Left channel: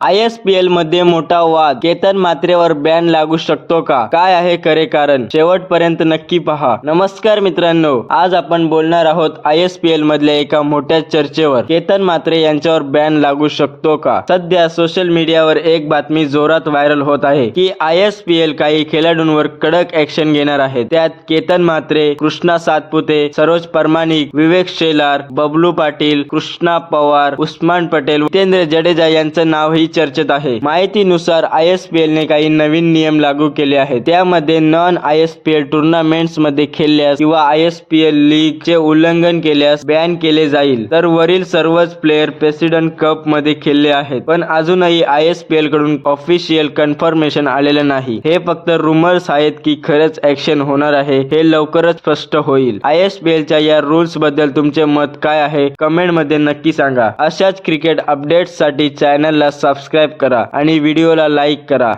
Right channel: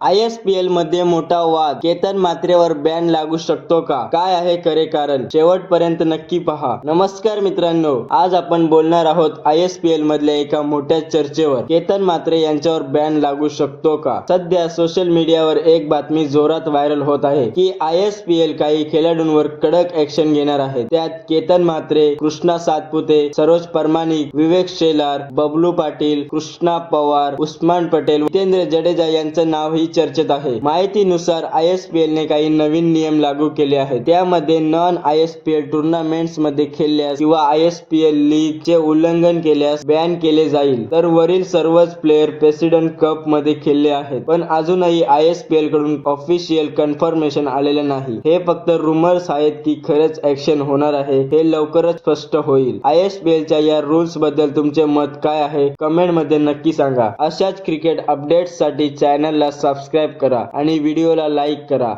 ISPL मध्ये मोठा वाद, केतन म्हात्रेवर बॅन लागू शकतो का? काय आहे खरे कारण? शेवटपर्यंत नक्की पहा. नमस्कार मित्रांनो, आज आपण बोलणार आहोत ISPL मधल्या एका मोठ्या चर्चेवर. केतन म्हात्रे यांच्यावर बॅन लागू शकतो का? सध्या सोशल मीडियावर एक बातमी जोरात व्हायरल होत आहे की ISPL काही खेळाडूंवर कडक ऍक्शन घेणार आहे. त्यात केतन म्हात्रे, कृष्णा सातपुते, सरोज परमानिक, विवेक शेलार, बबलू पाटील, कृष्णा पवार, उस्मान पटेल, जितेंद्र जडेजा यांचं नावही चर्चेत आहे. माहितीनुसार ISPL ने काही नवीन नियम लागू केले आहेत. त्यामध्ये नॉन ISPL टुर्नामेंट्स मध्ये खेळल्यास किंवा ISPL लीग चे उल्लंघन केल्यास बॅन केले जाईल. तर वरील सर्वच प्लेयर प्रेसिडेंट कप मध्ये खेळले आहेत, पण अजूनही ISPL कडून ऑफिशियल कन्फर्मेशन आलेलं नाही. हे फक्त रुमर्स आहेत की खरंच ऍक्शन होणार आहे हे लवकरच स्पष्ट होईल. ISPL च्या या रूल्स बद्दल तुमचे मत काय आहे? कमेंट मध्ये नक्की सांगा. अशाच क्रिकेट अपडेट्स साठी चॅनलला सबस्क्राइब करा आणि व्हिडिओला लाईक करा.